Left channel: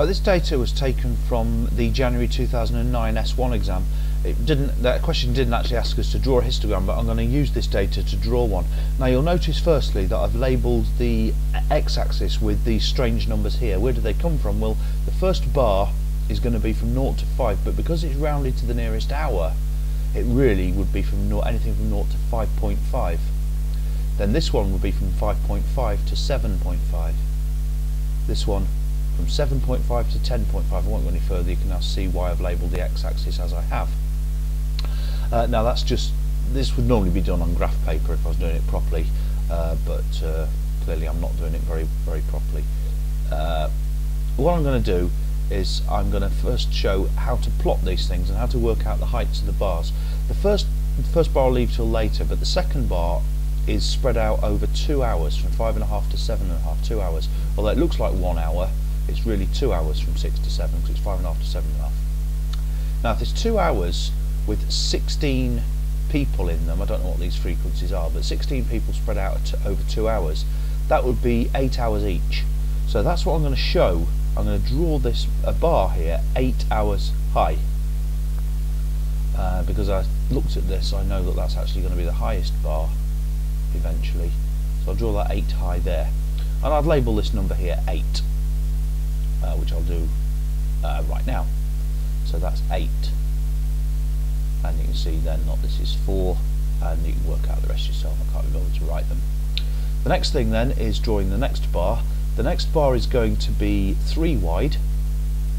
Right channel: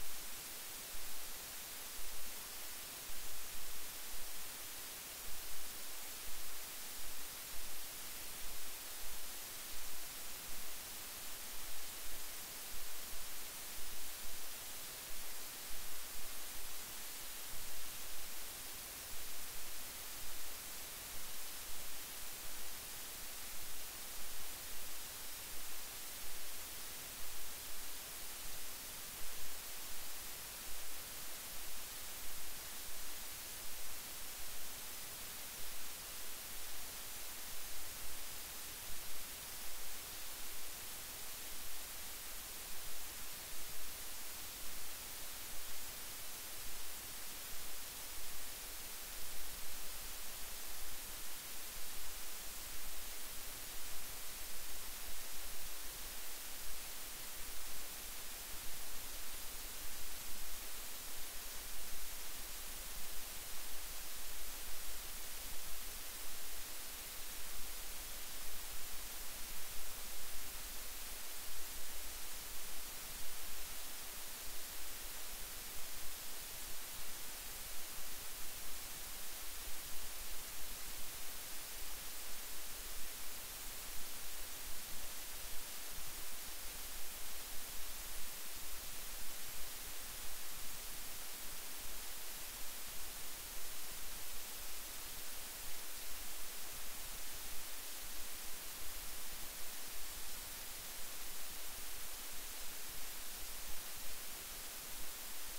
Right, this data was taken from the January 2009 S1 exam. That question didn't actually ask us to draw a histogram, but I'm going to use this data to draw one. Now you'll notice firstly that I've labelled the x-axis with these strange numbers here. Where do they come from? Well, the first bar is going to be from 0 to 5, but because it's rounded to the nearest hour, it really would be from anything from 0 to 5.5. Then this one would be from 5.5 to 7.5. This one from 7.5 to 10.5. I won't go any further. You can now see why I've labelled the x-axis as I have. Now that's just, this would normally be done on graph paper if I was doing it properly, but clearly I'm not doing it very properly. What I'm going to do is I'm going to first show how to plot these things and how to work out the heights of the bars. The first bar I'll leave till later, but the second bar is spread out over 2 hours, from 5.5 to 7.5, 2 hours. Although it looks like 1 hour, it's really 2 hours from 6 to 7, because it's 5.5 to 7.5. Now if there's 2 hours with 16 people in them, I don't know what these frequencies are, but 16 people spread out over 2 hours, that would be 8 hours each. So that's what I'm going to show. I'm going to draw this a bar here 8 hours high, because I looked at this, I know that that's actually going to be the highest bar eventually. So I'll draw that 8 high there, and I'll label this number here 8, which I'll do right now. So that's 8, and you can see then that this is 4, and you can work out the rest yourself. I can't remember to write them. The next thing then is drawing the next bar. The next bar is going to be 3 wide,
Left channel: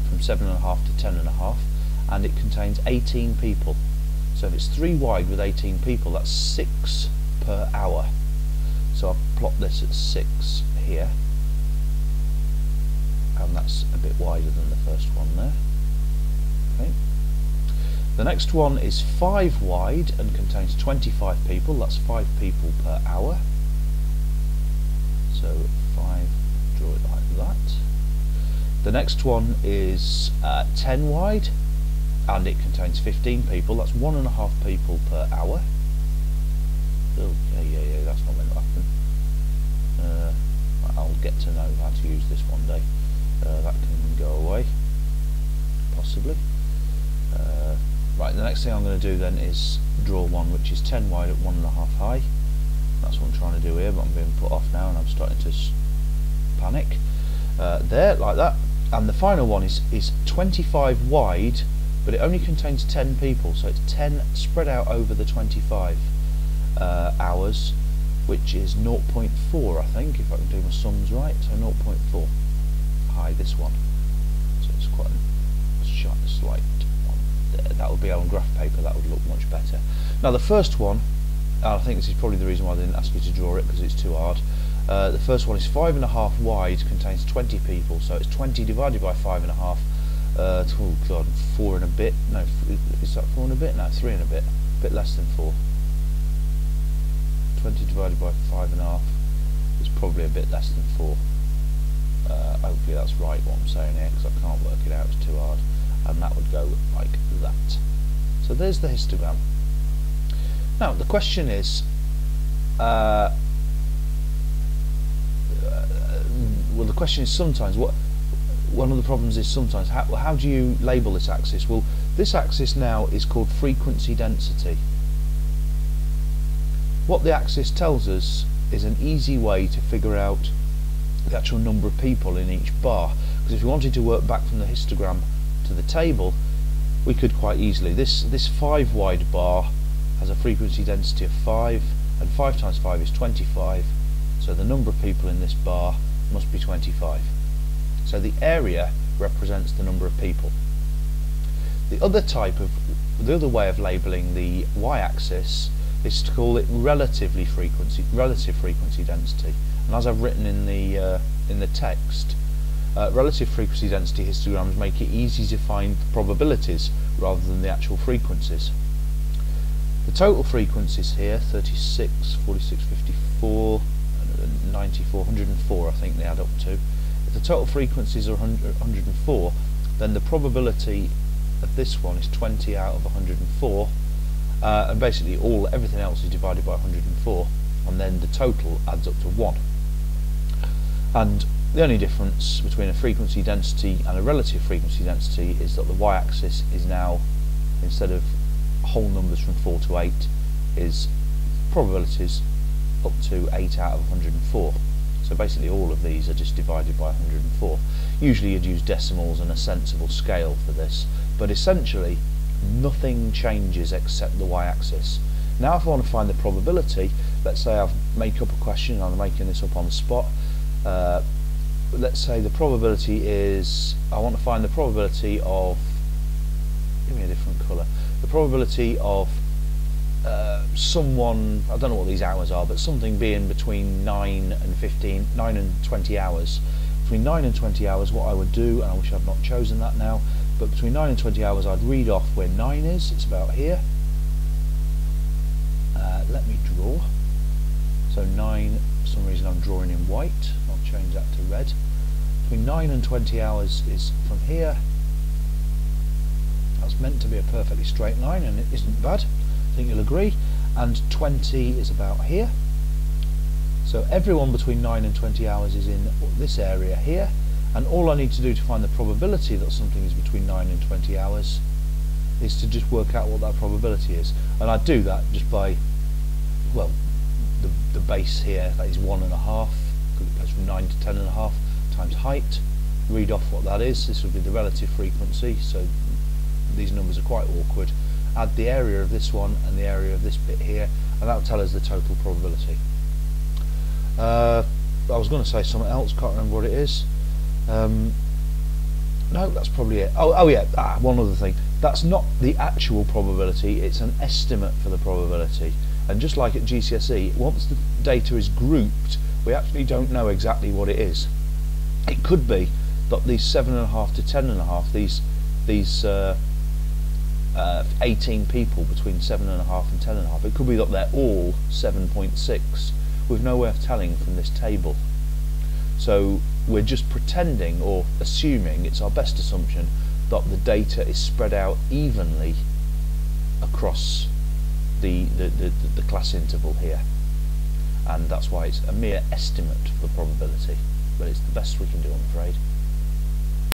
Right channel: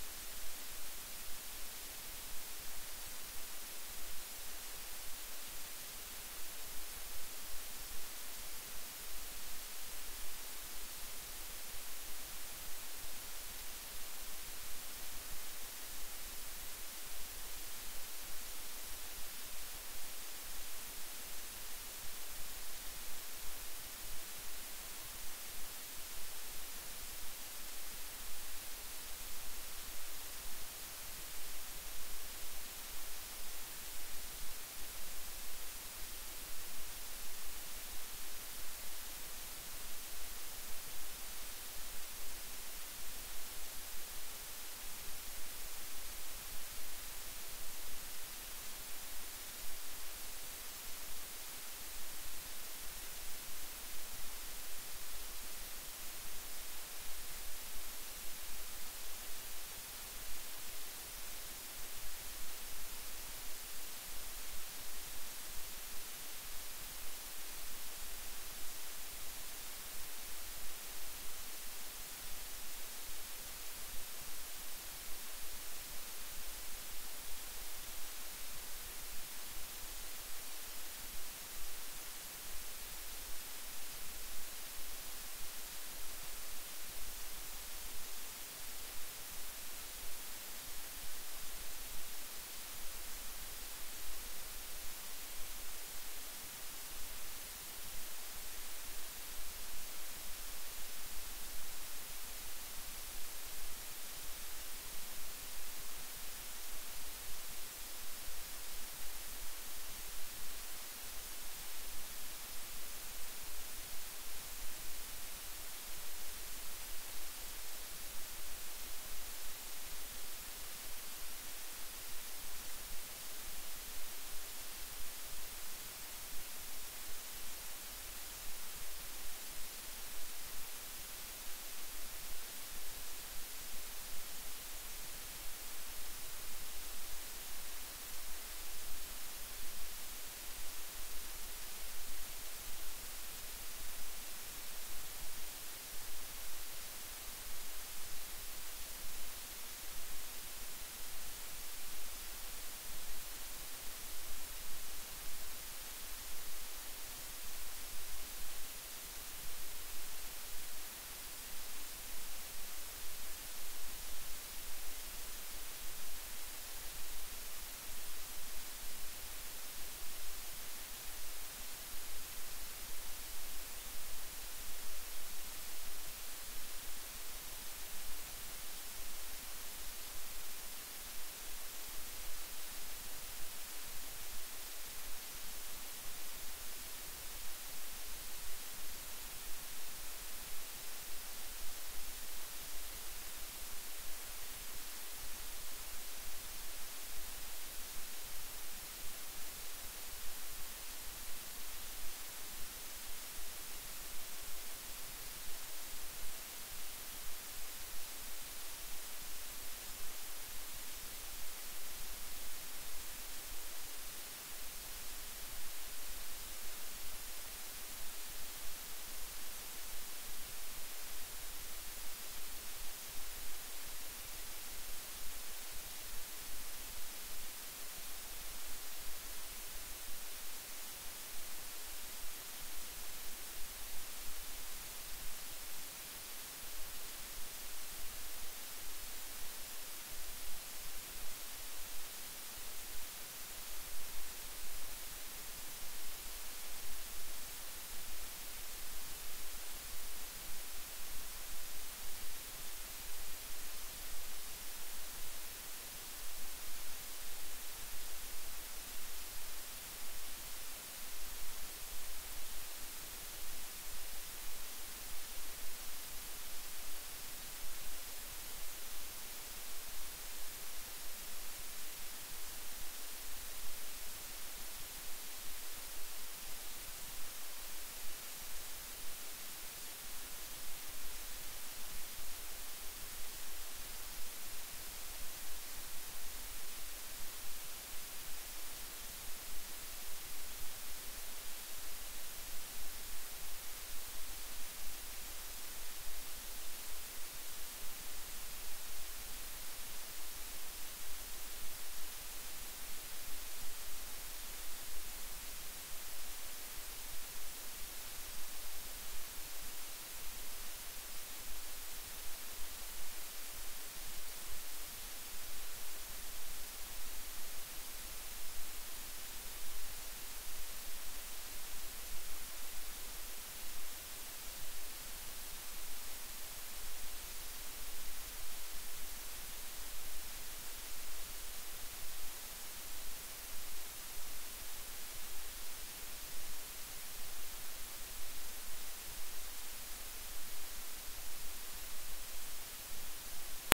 from 7.5 to 10.5, and it contains 18 people. So if it's 3 wide with 18 people, that's 6 per hour. So I'll plot this at 6 here, and that's a bit wider than the first one there. Okay. The next one is 5 wide and contains 25 people, that's 5 people per hour. So 5, draw it like that. The next one is 10 wide and it contains 15 people, that's 1.5 people per hour. Oh, yeah, that's not going to happen. I'll get to know how to use this one day. That can go away, possibly. Right, the next thing I'm going to do then is draw one which is 10 wide at 1.5 high. That's what I'm trying to do here, but I'm being put off now and I'm starting to panic. There, like that. And the final one is 25 wide, but it only contains 10 people, so it's 10 spread out over the 25 hours, which is 0.4, I think, if I can do my sums right. So 0.4 high, this one. So it's quite a slight one there. That would be on graph paper, that would look much better. Now the first one, I think this is probably the reason why they didn't ask me to draw it, because it's too hard. The first one is 5.5 wide, contains 20 people, so it's 20 divided by 5.5. Oh god, 4 and a bit. No, is that 4 and a bit? No, 3 and a bit. A bit less than 4. 20 divided by 5.5 is probably a bit less than 4. Hopefully that's right what I'm saying here, because I can't work it out, it's too hard. And that would go like that. So there's the histogram. Now the question is, well, the question is sometimes one of the problems is sometimes how do you label this axis? Well, this axis now is called frequency density. What the axis tells us is an easy way to figure out the actual number of people in each bar, because if we wanted to work back from the histogram to the table, we could quite easily. This 5 wide bar has a frequency density of 5, and 5 times 5 is 25, so the number of people in this bar must be 25. So the area represents the number of people. The other way of labelling the y-axis is to call it relative frequency density. And as I've written in the text, relative frequency density histograms make it easy to find probabilities rather than the actual frequencies. The total frequencies here, 36, 46, 54, 94, 104 I think they add up to. If the total frequencies are 104, then the probability of this one is 20 out of 104, and basically everything else is divided by 104, and then the total adds up to 1. And The only difference between a frequency density and a relative frequency density is that the y-axis is now, instead of whole numbers from 4 to 8, is probabilities up to 8 out of 104. So basically all of these are just divided by 104. Usually you'd use decimals and a sensible scale for this, but essentially nothing changes except the y-axis. Now if I want to find the probability, let's say I've make up a question, and I'm making this up on the spot. Let's say the probability is, I want to find the probability of, give me a different colour, the probability of someone, I don't know what these hours are, but something being between 9 and 20 hours. Between 9 and 20 hours, what I would do, and I wish I'd not chosen that now, but between 9 and 20 hours I'd read off where 9 is, it's about here. Let me draw. So 9, for some reason I'm drawing in white, I'll change that to red. Between 9 and 20 hours is from here. That's meant to be a perfectly straight line, and it isn't bad, I think you'll agree. And 20 is about here. So everyone between 9 and 20 hours is in this area here, and all I need to do to find the probability that something is between 9 and 20 hours is to just work out what that probability is. And I do that just by, well, the base here, that is 1.5, because it goes from 9 to 10.5 times height. Read off what that is. This will be the relative frequency, so these numbers are quite awkward. Add the area of this one and the area of this bit here, and that will tell us the total probability. I was going to say something else, can't remember what it is. No, that's probably it. Oh yeah, one other thing. That's not the actual probability, it's an estimate for the probability. And just like at GCSE, once the data is grouped, we actually don't know exactly what it is. It could be that these 7.5 to 10.5, these 18 people between 7.5 and 10.5, it could be that they're all 7.6. We've no way of telling from this table. So we're just pretending, or assuming, it's our best assumption, that the data is spread out evenly across the class interval here, and that's why it's a mere estimate for the probability, but it's the best we can do, I'm afraid.